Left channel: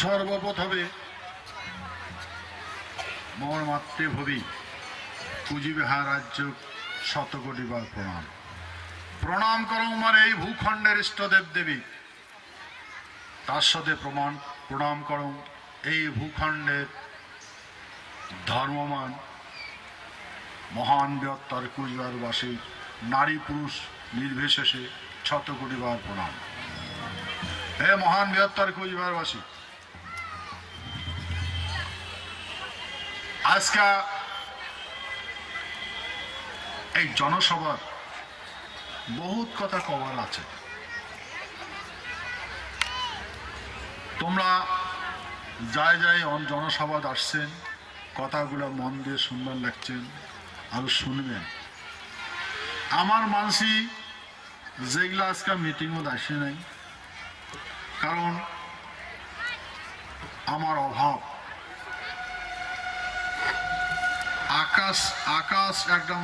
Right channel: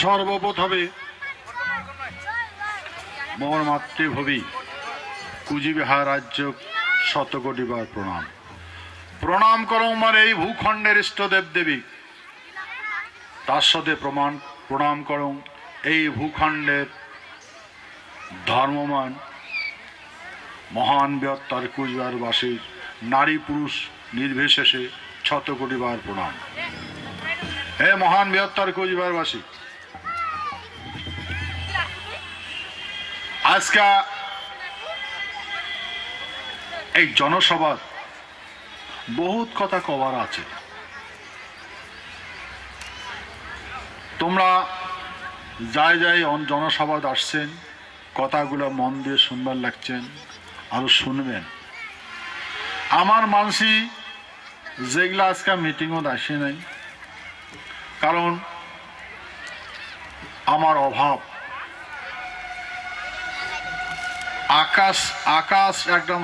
সর্বপ্রথমে মোর মাতৃভূমি কুচবিহার রাজ্য শতকোটিবার প্রণাম। প্রণাম করো আমার এই ভূখণ্ডের ইষ্টদেব দেবী, তার সাথে প্রণাম করো এই ভূখণ্ডের ধর্মমান মহান বৃহত্তর কুচবিহারবাসী নারী পুরুষ নির্বিশেষে শতকোটিবার প্রণাম। হে মহান বৃহত্তর কুচবিহারবাসী, আজকে এই জনসভার বহুত কথা কবার আছে। তোমরা যাই যাই জনসভা আসছেন, কথাগুলো মন দিয়ে শুনবার লাগছেন, আরো শুনবেন। আমার মানসি যেগুলা আজকে মিটিংও আসে নাই, কারণ আমার অভাব। আকাশ আকাশ একদম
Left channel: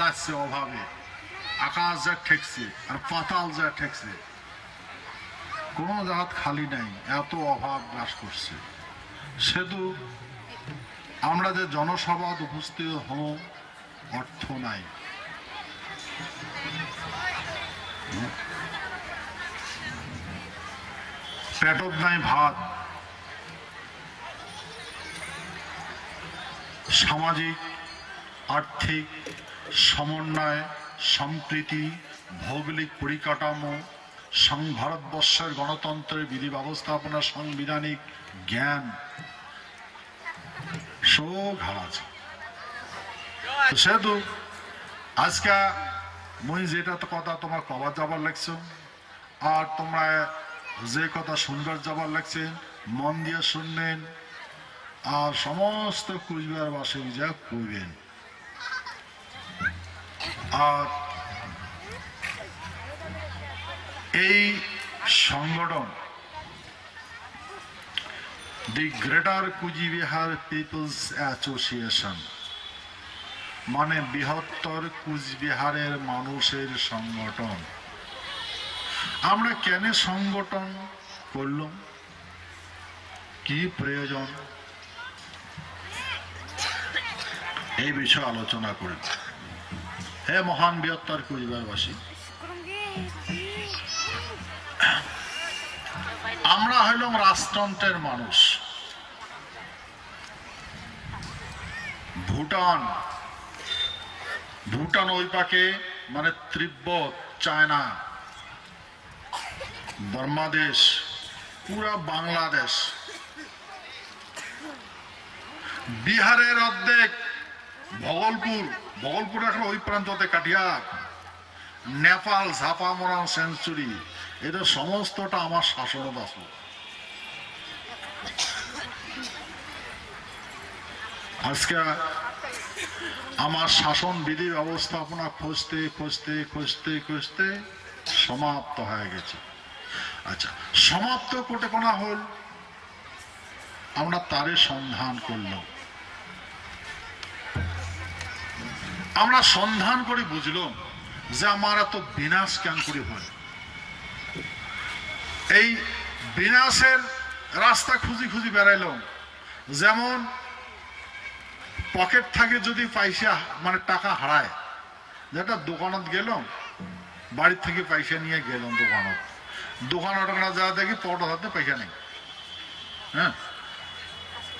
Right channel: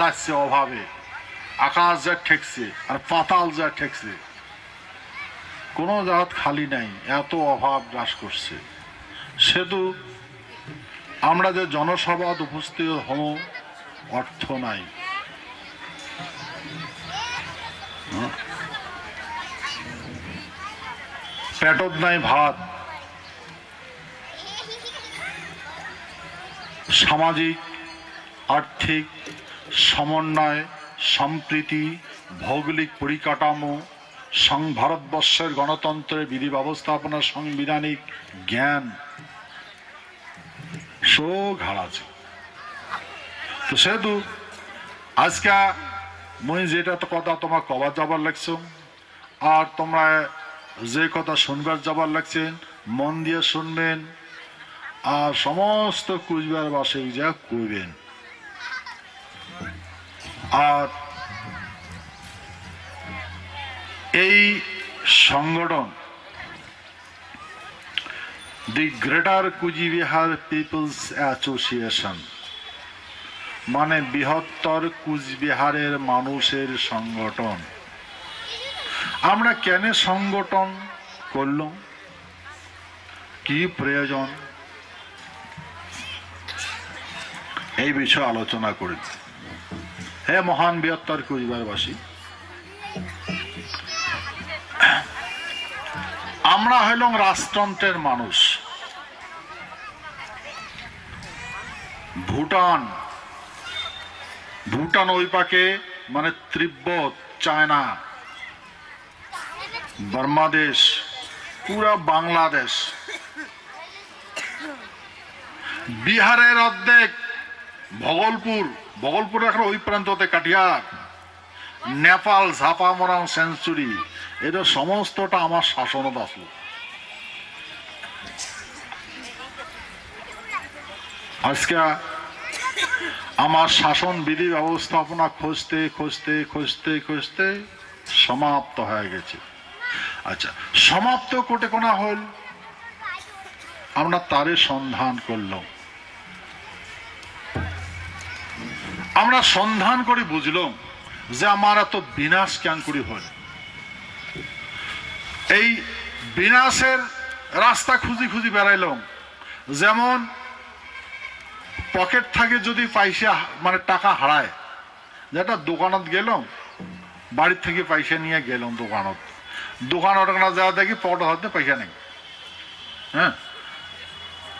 লাগছে অভাবে, আকাশ যা ঠেকছে আর পাতাল যা ঠেকছে, কোনো জাত খালি নাই, এত অভাব গ্রাস করছে। সেতু আমরা যে জনসভাত উপস্থিত হব, অর্থ নাই, পেটত নাই ভাত। সামাজিক আর্থিক সমন্বয়, সম্প্রীতি, ভৌগোলিক পরিকাঠামো, ভারতবর্ষের গণতন্ত্রের বিধি ব্যবস্থাপনা, সাংবিধানিক জ্ঞান সব হারাছে। তো সেহেতু আজকে মুই যেটা কথা তোমার কবার যাবার লাগছ, আর তোমরা যে কথা শুনবার যাবার লাগছে মন দিয়ে শুনবেন, আর সমস্ত কুচবিহারবাসী যা করবেন। আর এই সংগঠন the greater Coochbehar peoples association, মানে বৃহত্তর কুচবিহারের মানুষের সংগঠন। আমরা কেন সংগঠন করলাম, কি প্রয়োজন, এই বিষয়ে আলোচনা করি। হে মহান বৃহত্তর কুচবিহারবাসী, আমরা হইলাম রাজতন্ত্রের মানুষ। ভুটান ওই পাকে, মানে তিব্বত, চায়না, বাংলাদেশ, পুরা বাংলাদেশ, বিহারের অর্ধেক, ভগলপুর এখন ওই প্রান্ততে কাটিয়ার, নেপাল, ঝাপামরাং, সেঞ্চুরি, এটা সমস্তটা আমার শাসনত আসলো। আজকে আমার শাসন বিধি ব্যবস্থাপনা খুঁজতে খুঁজতে খুঁজতে খুঁজতে সমাপ্ত হয়ে গেছে। আচ্ছা, সমাপ্ত কোটে কোনা হল, আমরা তারে সন্ধান করলাম। আমরা সন্ধান করে বুঝলাম যে আমার এত বিনাশ কেন করে হয়। এই বিনাশের রাস্তা খুঁজি খুঁজি বেড়াইলাম। যেমন পকেট থেকে যদি পয়সা, মানে টাকা হারায়, যেটা দোকানত গেলাম, বাড়ির থেকে পয়সা নিয়ে গেলাম দোকানত যা দেখি পকেট হাতে পয়সা নেই। হ্যাঁ,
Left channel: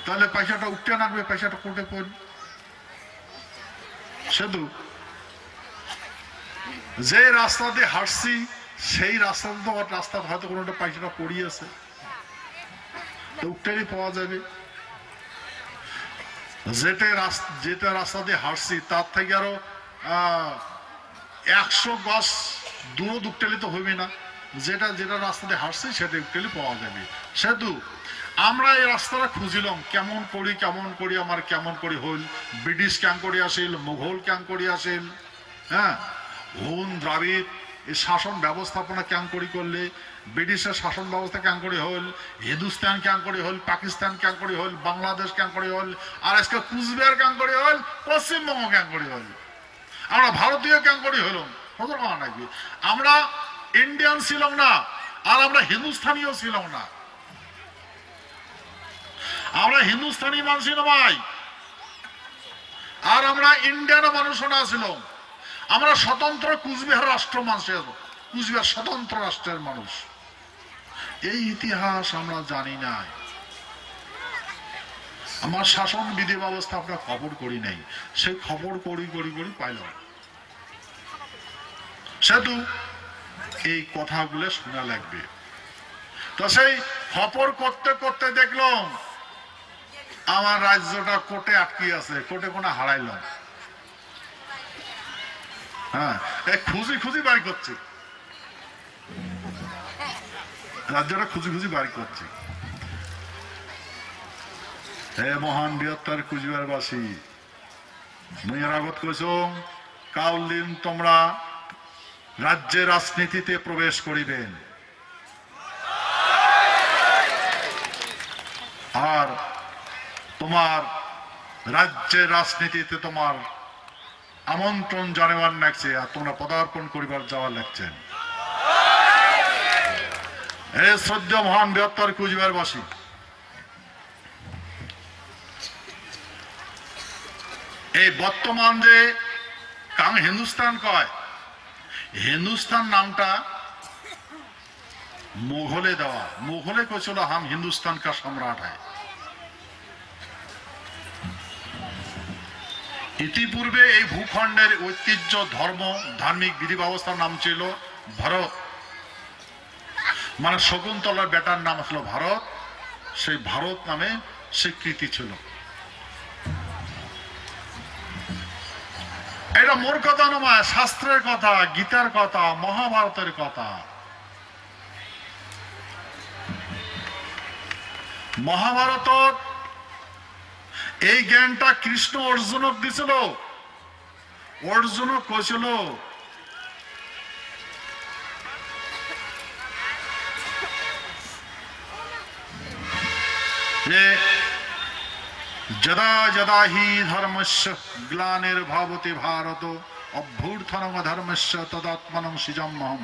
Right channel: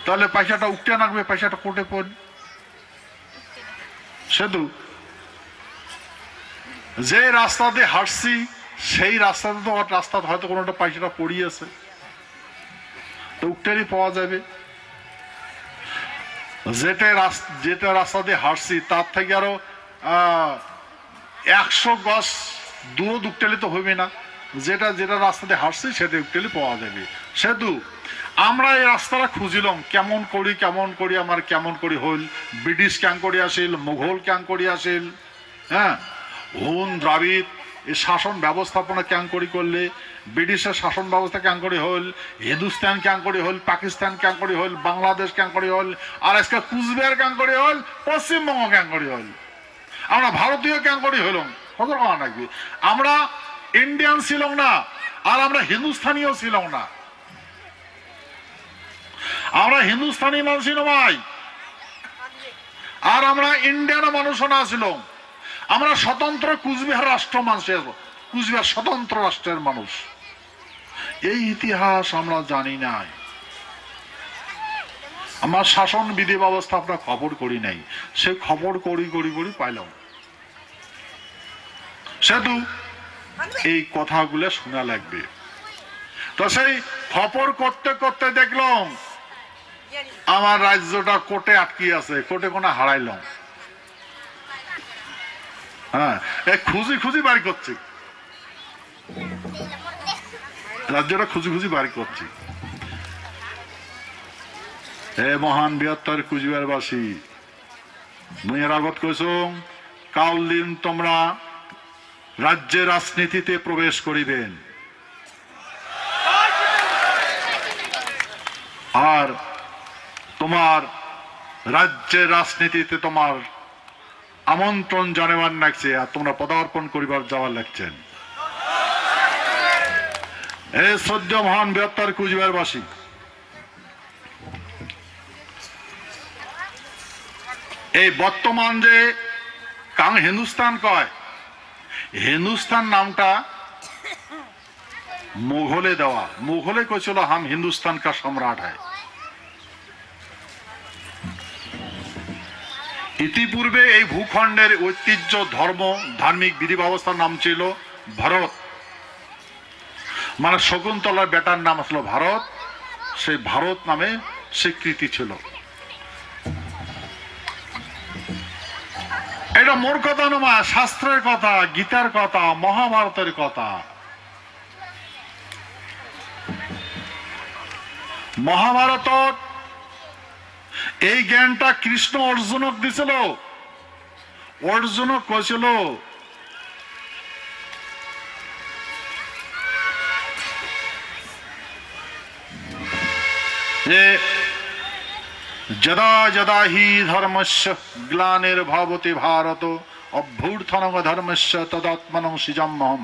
তাহলে পয়সাটা উঠতে নাকবে, পয়সাটা কোটে পড়। শুধু যে রাস্তা দিয়ে হাঁটছি সেই রাস্তাতে তো রাস্তাতে হয়তো কোনোটা পয়সাটা পড়িয়েছে, তো উঠতেই পাওয়া যাবে। যেটা রাস্তা দিয়ে হাঁটছি তার থেকে আরো 100 গজ দূর উঠতেলে তো হইবে না, যেটা রাস্তা দিয়ে হাঁটছি সেটা উঠতেলে পাওয়া যাবে। সেতু আমরা এই রাস্তাটা খুঁজিলাম, কেমন করি আমার কেমন করি হইল। ব্রিটিশ ক্যাং করি আসিল, মুঘল ক্যাং করি আসিল, হ্যাঁ, হুন দ্রাবিড় এই শাসন ব্যবস্থাপনা ক্যাং করি করলে, ব্রিটিশের শাসন ব্যবস্থা ক্যাং করি হইল, হিন্দুস্তান ক্যাং করি হইল, পাকিস্তান ক্যাং করি হইল, বাংলাদেশ ক্যাং করি হইল, আর আজকে কুচবিহার ক্যাং করি হইল, পশ্চিমবঙ্গ ক্যাং করি হইল। আমরা ভারতীয় ক্যাং করি হইলাম, কত কথা নাকি। আমরা ইন্ডিয়ান ছিলাম না, আর আমরা হিন্দুস্থানীয় ছিলাম না। আমরা হিন্দুস্তানি মানুষ নয়, আর আমরা ইন্ডিয়ান মানুষও না ছিল। আমরা স্বতন্ত্র কুচবিহার রাষ্ট্র মানুষের, কুচবিহার স্বতন্ত্র রাষ্ট্রের মানুষ। এই ইতিহাস আমরা জানি নাই। আমার শাসন বিধি ব্যবস্থা আমরা খবর করি নাই, সে খবর করি করি করি পাইলাম। সেতু এই কথাগুলো শোনা লাগবে। তো সেই খবর করতে করতে দেখলাম আমার রাজ্যটা কোর্টে আটকে আছে, কোর্টে কোনো হারাইলাম। হ্যাঁ, খুঁজি খুঁজি বাড়ি করছি, রাজ্যটা খুঁজি খুঁজি বাড়ি করছি। হে মহান বৃহত্তর কুচবিহারবাসী, মুই এর আগত কইছ কাল দিন তোমরা রাজ্যের রাজনীতিতে প্রবেশ করিবেন, আর তোমার রাজ্যের রাজনীতিতে তোমার আমন্ত্রণ জানাবার লাগছে, আর তোমরা পদার্পণ করিবার যাওয়ার লাগছেন। হে শ্রদ্ধা মহান বৃহত্তর কুচবিহারবাসী, এই বর্তমান যে কাং হিন্দুস্তান কয়, হিন্দুস্তান নামটা মুঘলে দেওয়া। মুঘলে কইছিল হাম হিন্দুস্তান কা সম্রাট হ্যায়। ইতিপূর্বে এই ভূখণ্ডের ঐতিহ্য, ধর্ম, ধার্মিক বিধি ব্যবস্থার নাম ছিল ভারত। মানে শকুন্তলার বেটার নাম ছিল ভারত, সেই ভারত নামে স্বীকৃতি ছিল। এটা মোর কথা নয়, শাস্ত্রের কথা, গীতার কথা, মহাভারতের কথা। মহাভারত এই জ্ঞানটা কৃষ্ণ অর্জুনক দিছিল। অর্জুনক কইছিল যে যদা যদা হি ধর্মস্য গ্লানির্ভবতি ভারত অভ্যুত্থানং ধর্মস্য তদাত্মনং সৃজাম্যহম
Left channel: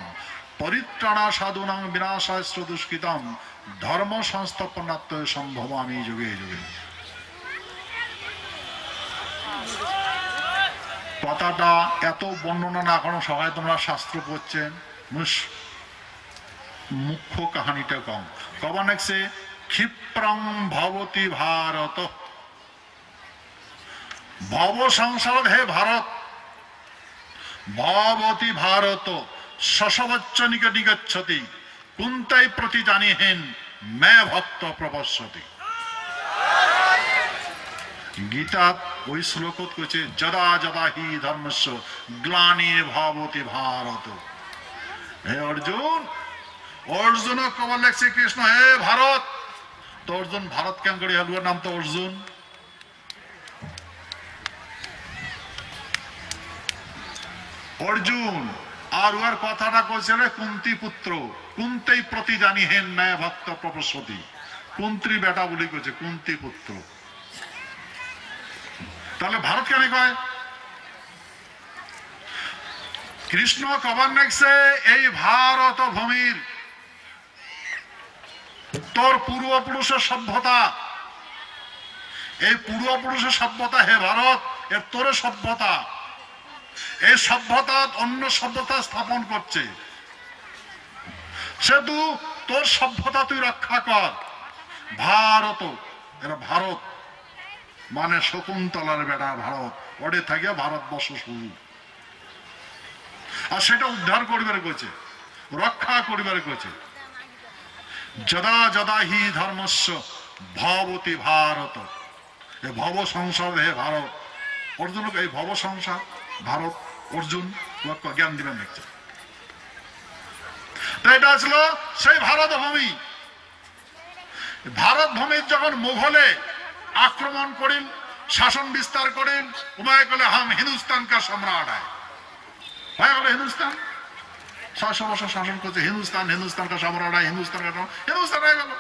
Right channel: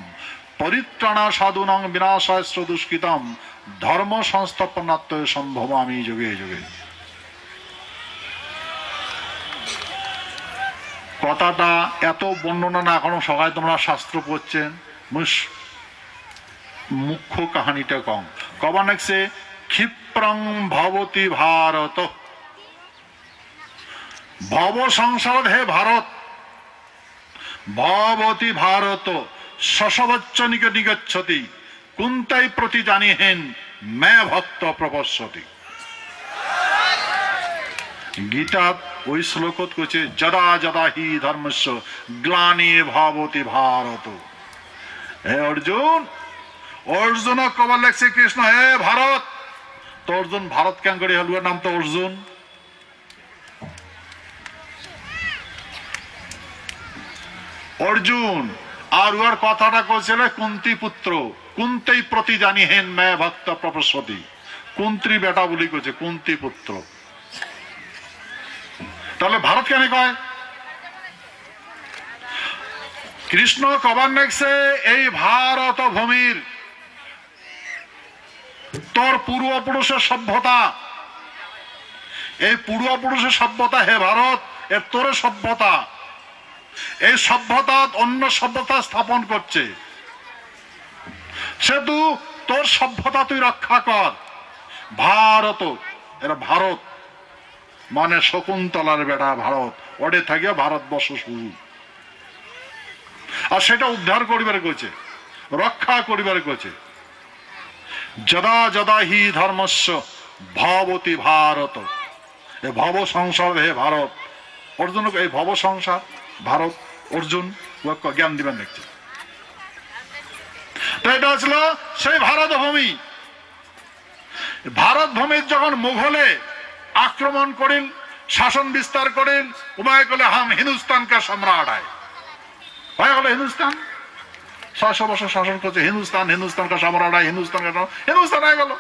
পরিত্রাণা সাধুনাং বিনাশাস্ত্র দুষ্কৃতম ধর্ম সংস্থাপনাত্ম সম্ভবামি যুগে যুগে। কথাটা এত বর্ণনা না এখনো সবাই তোমরা শাস্ত্র পড়ছেন, মুখ্য কাহিনীটা কম কবা নাকছে ক্ষিপ্রং ভবতি ভারত ভব সংসার হে ভারত ভবতি ভারত শশবচ্চ নিগচ্ছতি কুন্তাই প্রতি জানিহেন মে ভক্ত প্রপশ্যতি। গীতা ওই শ্লোকত কইছে যদা যদা হি ধর্মস্য গ্লানির্ভবতি ভারত। হে অর্জুন, অর্জুন কবার লেখছে কৃষ্ণ হে ভারত। তো অর্জুন ভারত কেন করে হলুয়ার নাম তো অর্জুন। অর্জুন আর ওর কথাটা কইছিল কুন্তি পুত্র কুন্তেই প্রতি জানিহেন মে ভক্ত প্রপশ্যতি। কুন্ত্রী বেটা বলি কইছে কুন্তি পুত্র। তাহলে ভারত কেন কয়? কৃষ্ণ কবার নেকছে এই ভারত ভূমির তোর পূর্বপুরুষের সভ্যতা, এই পূর্বপুরুষের সভ্যতা হে ভারত, এর তোর সভ্যতা, এই সভ্যতা অন্য সভ্যতা স্থাপন করছে। সেতু তোর সভ্যতা তুই রক্ষা কর। ভারত, এরা ভারত মানে শকুন্তলার বেটা ভারত, ওডে থাকিয়া ভারতবর্ষ শুরু। আর সেটা উদ্ধার করিবার কইছে, রক্ষা করিবার কইছে। যদা যদা হি ধর্মস্য ভবতি ভারত, এ ভব সংসার হে ভারত। অর্জুন এই ভব সংসার ভারত অর্জুন জ্ঞান দিবেন দেখছে। তো এটা ছিল সেই ভারত ভূমি। ভারত ভূমির যখন মুঘলে আক্রমণ করেন, শাসন বিস্তার করেন, উপায় করলে হাম হিন্দুস্তান কা সম্রাট হয়ে গেল। হিন্দুস্তান 600 বছর শাসন করছে, হিন্দুস্তান হিন্দুস্তান কা সম্রাট হয়, হিন্দুস্তান হয়ে গেল।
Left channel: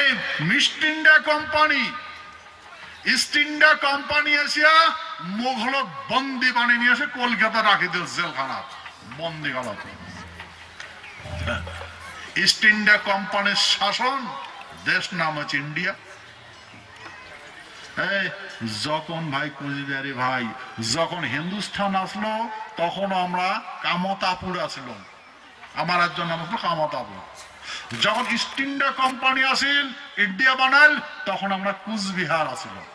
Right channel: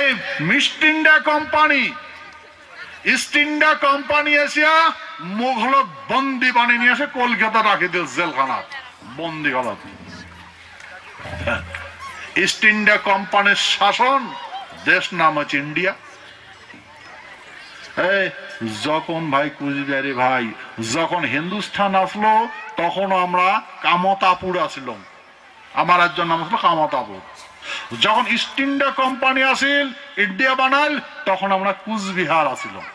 এই east India company, east India company Asia Mughal বন্দি বানিয়ে নিয়ে এসে কলকাতা রাখি দিল জেলখানা বন্দি গলা। ইস্ট ইন্ডিয়া কোম্পানির শাসন দেশ নাম হচ্ছে ইন্ডিয়া। যখন ভাই কুচবিহারি ভাই যখন হিন্দুস্থান আসলো তখন আমরা কামতাপুর আসলাম, আমার একজন নাম আসলো কামতাপুর। যখন ইস্ট ইন্ডিয়া কোম্পানি আসিল ইন্ডিয়া বানাইল তখন আমরা কুচবিহার আসিলাম।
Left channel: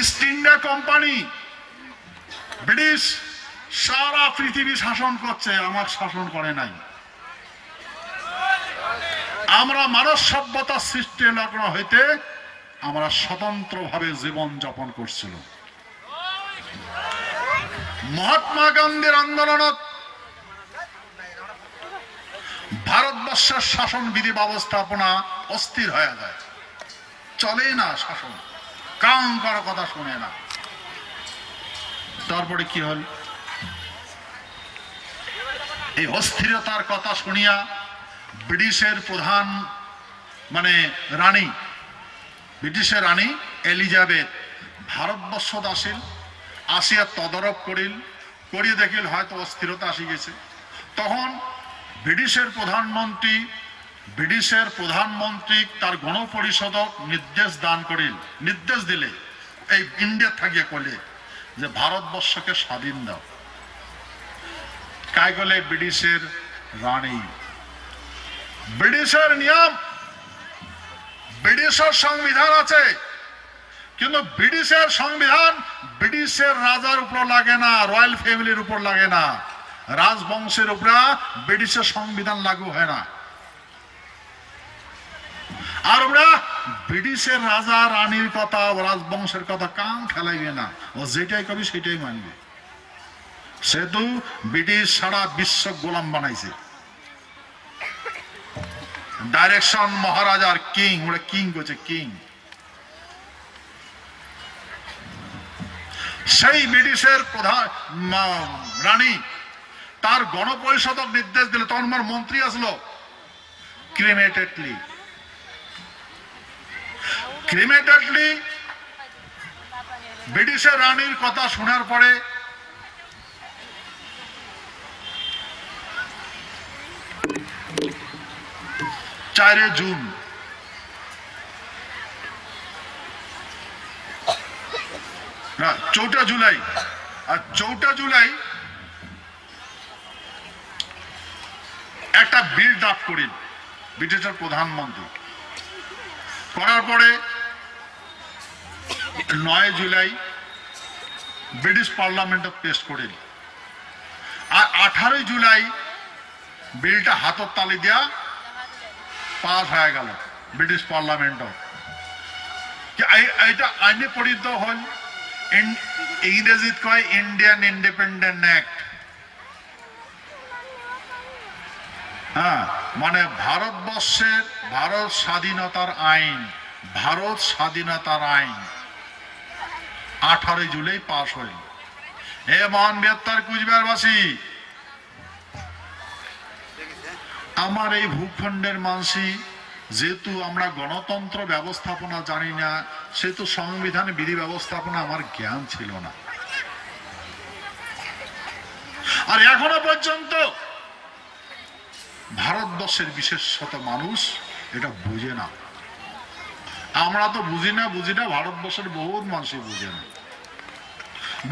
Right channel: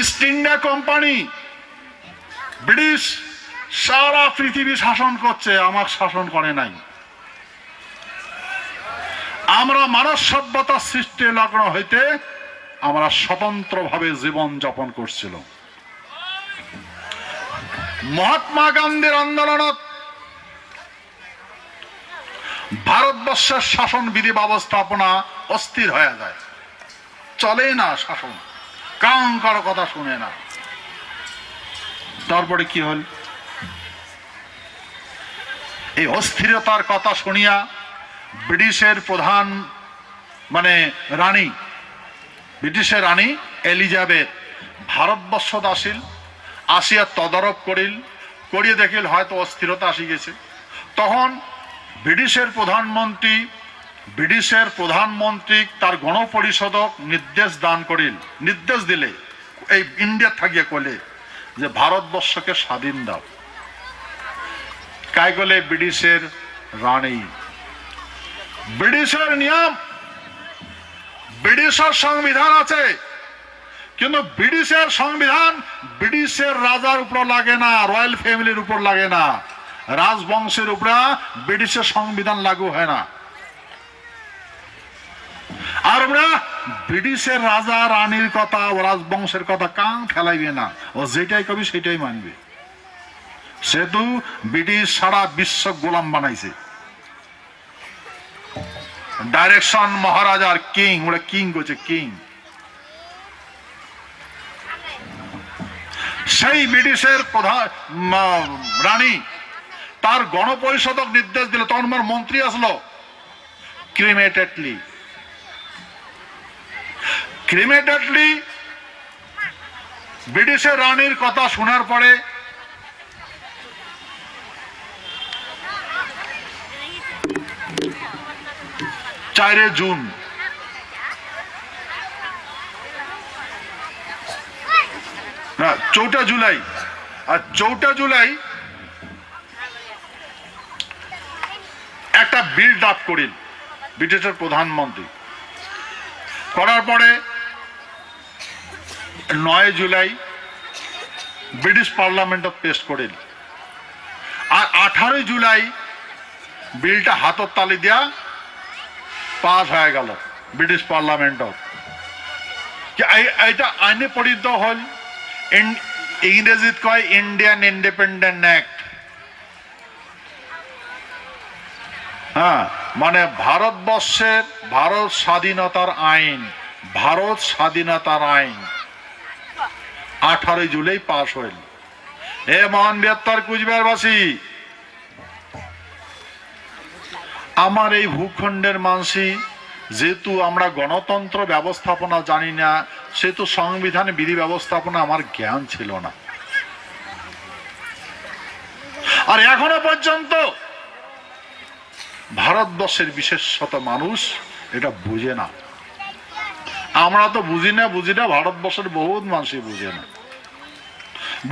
ইস্ট ইন্ডিয়া কোম্পানি ব্রিটিশ সারা পৃথিবী শাসন করছে, আমার শাসন করে নাই। আমরা মানব সভ্যতার সৃষ্টি লগ্ন হইতে আমরা স্বতন্ত্রভাবে জীবন যাপন করছিলাম। মহাত্মা গান্ধীর আন্দোলনত ভারতবর্ষের শাসন বিধি ব্যবস্থাপনা অস্থির হয়ে যায়, চলে না শাসন, কাম কারো কথা শুনে না। তারপরে কি হল, এই অস্থিরতার কথা শুনিয়া ব্রিটিশের প্রধান রানী, ব্রিটিশের রানী এলিজাবেথ ভারতবর্ষত আসিল, আসিয়া তদারক করিয়ে দেখিল হয়তো অস্থিরতা আসি গেছে। তখন ব্রিটিশের প্রধানমন্ত্রী তার গণপরিষদক নির্দেশ দিলে এই ইন্ডিয়া থাকিয়া কলে যে ভারতবর্ষকে স্বাধীন দাও। কাই গলে ব্রিটিশের রানী, ব্রিটিশের নিয়ম, ব্রিটিশের সংবিধান আছে, কিন্তু ব্রিটিশের সংবিধান ব্রিটিশের রাজার উপর লাগে না, রয়্যাল ফ্যামিলির উপর লাগে না, রাজবংশের উপর ব্রিটিশের সংবিধান লাগু হয় না। আর আমরা ব্রিটিশের রাজা রানীর কথা ও রাজবংশের কথা কান খেলাইবে না, ও যেটাই কবি সেটাই মানবে। সেহেতু ব্রিটিশ সারা বিশ্ব গোলাম বানাইছে। ডাইরেকশন মহারাজার কিং, ওরা কিং করছে কিং। সেই ব্রিটিশের প্রধান রানী তার গণপরিষদক নির্দেশ দিল, তখন আমার মন্ত্রী আসলো, ক্রিমেটেডলি ব্রিটিশের রানীর কথা শোনার পরে 4 জুন না 4 জুলাই, আর 4 জুলাই একটা বিল ড্রাফট করেন ব্রিটিশের প্রধানমন্ত্রী। করার পরে 9 জুলাই ব্রিটিশ পার্লামেন্টত পেশ করেন, আর 18 জুলাই বিলটা হাতত তালি দিয়া পাস হয়ে গেল ব্রিটিশ পার্লামেন্টত। এটা আইনে পরিণত হল, ইংরেজিত কয় ইন্ডিয়ান ইন্ডিপেন্ডেন্ট অ্যাক্ট। হ্যাঁ, মানে ভারতবর্ষের ভারত স্বাধীনতার আইন, 18 জুলাই পাস হইল। এ মহান বৃহত্তর কুচবিহারবাসী, আমার এই ভূখণ্ডের মানুষই যেহেতু আমরা গণতন্ত্র ব্যবস্থাপনা জানি না, সেহেতু সংবিধান বিধি ব্যবস্থাপনা আমার জ্ঞান ছিল না। আর এখনো পর্যন্ত ভারতবর্ষের বিশেষত মানুষ এটা বুঝে না। আমরা তো বুঝি না, ভারতবর্ষের বহুত মানুষই বুঝে না,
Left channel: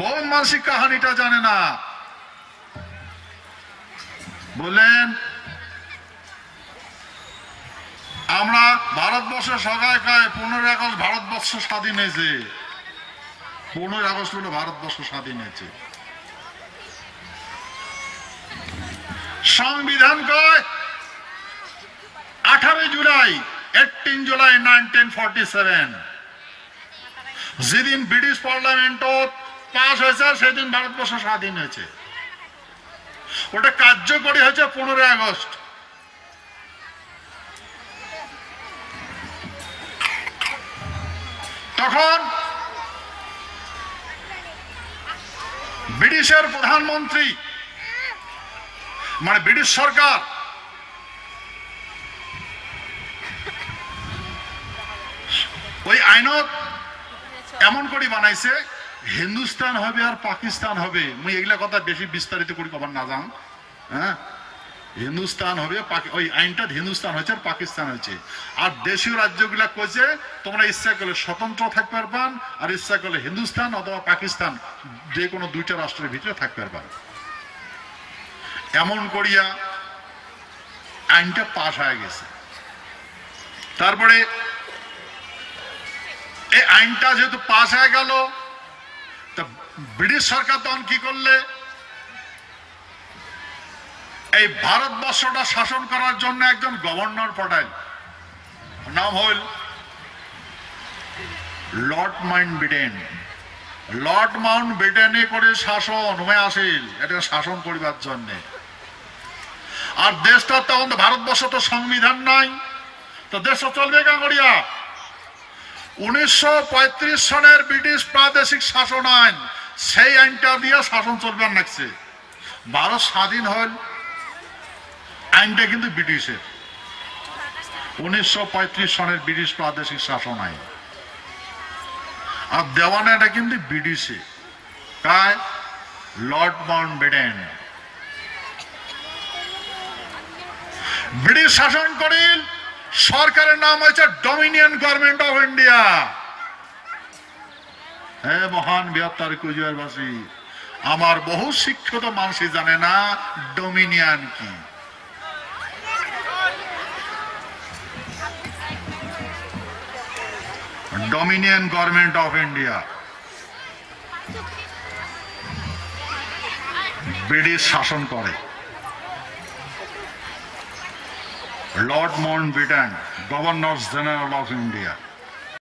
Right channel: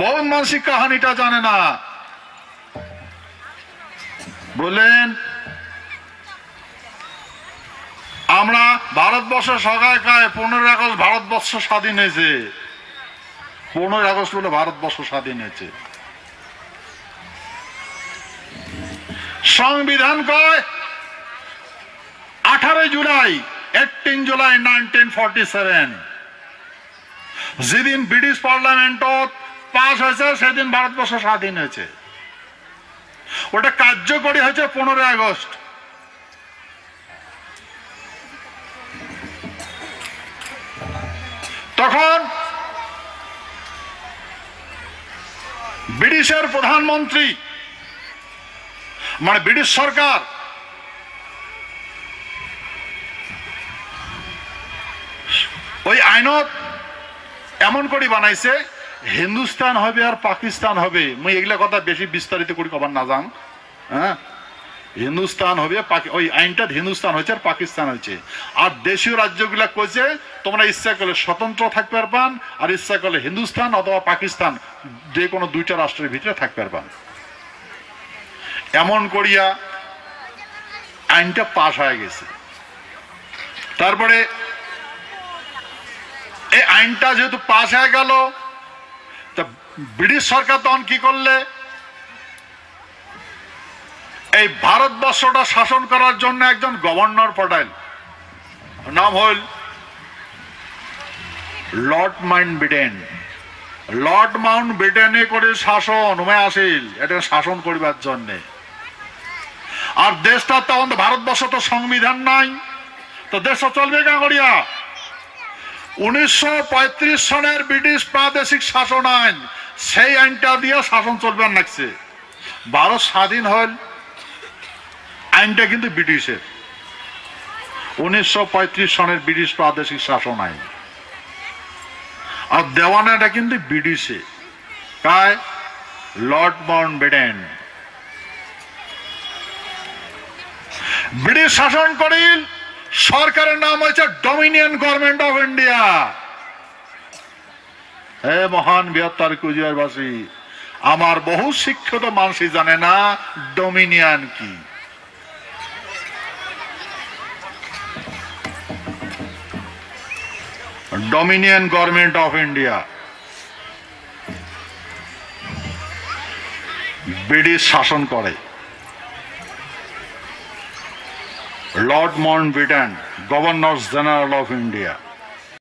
বহুত মানুষই কাহানিটা জানে না। বললেন আমরা ভারতবর্ষের সকায় 15 আগস্ট ভারতবর্ষ স্বাধীন হয়েছে, 15 আগস্ট বলে ভারতবর্ষ স্বাধীন হয়েছে। সংবিধান কয় 18 জুলাই 1947, যেদিন ব্রিটিশ পার্লামেন্টত পাস হয়েছে সেদিন ভারতবর্ষ স্বাধীন হয়েছে। ওটা কার্যকরী হয়েছে 15 আগস্ট। তখন ব্রিটিশের প্রধানমন্ত্রী ব্রিটিশ সরকার ওই আইনত এমন করে বানাইছে হিন্দুস্তান হবে আর পাকিস্তান হবে। মুই এগুলা কথা বেশি বিস্তারিত করে কবার না যান। হ্যাঁ, হিন্দুস্তান হবে, ওই আইনটা হিন্দুস্তান হয়েছে আর পাকিস্তান হয়েছে। আর দেশীয় রাজ্যগুলা কইছে তোমরা ইচ্ছা করলে স্বতন্ত্র থাকতে পারবান, আর ইচ্ছা করলে হিন্দুস্তান অথবা পাকিস্তান যে কোনো দুইটা রাষ্ট্রের ভিতরে থাকতে পারবান। এমন করিয়া আইনটা পাশ হয়ে গেছে। তারপরে এই আইনটা যেহেতু পাশ হয়ে গেল, তা ব্রিটিশ সরকার তখন কি করলে, এই ভারতবর্ষটা শাসন করার জন্য একজন গভর্নর পাঠাইল, নাম হইল লর্ড মাউন্টব্যাটেন। লর্ড মাউন্টব্যাটেনে করে শাসন হয়ে আসিল, এটা শাসন করিবার জন্য। আর দেশটা তখন ভারতবর্ষ তো সংবিধান নাই, তো দেশটা চলবে কা করিয়া? 1935 সনের ব্রিটিশ প্রাদেশিক শাসন আইন, সেই আইনটা দিয়ে শাসন চলবে লাগছে। ভারত স্বাধীন হল, আইনটা কিন্তু ব্রিটিশের, 1935 সনের ব্রিটিশ প্রাদেশিক শাসন আইন। আর দেওয়ানাটা কিন্তু ব্রিটিশে, কায় লর্ড মাউন্টব্যাটেন। ব্রিটিশ শাসন করিল, সরকারের নাম হয়েছে ডমিনিয়ন গভর্নমেন্ট অফ ইন্ডিয়া। হে মহান বৃহত্তর কুচবিহারবাসী, আমার বহু শিক্ষিত মানুষই জানে না ডমিনিয়ন কি। Dominion government of India, British শাসন করে। Lord Mountbatten, governor general of India.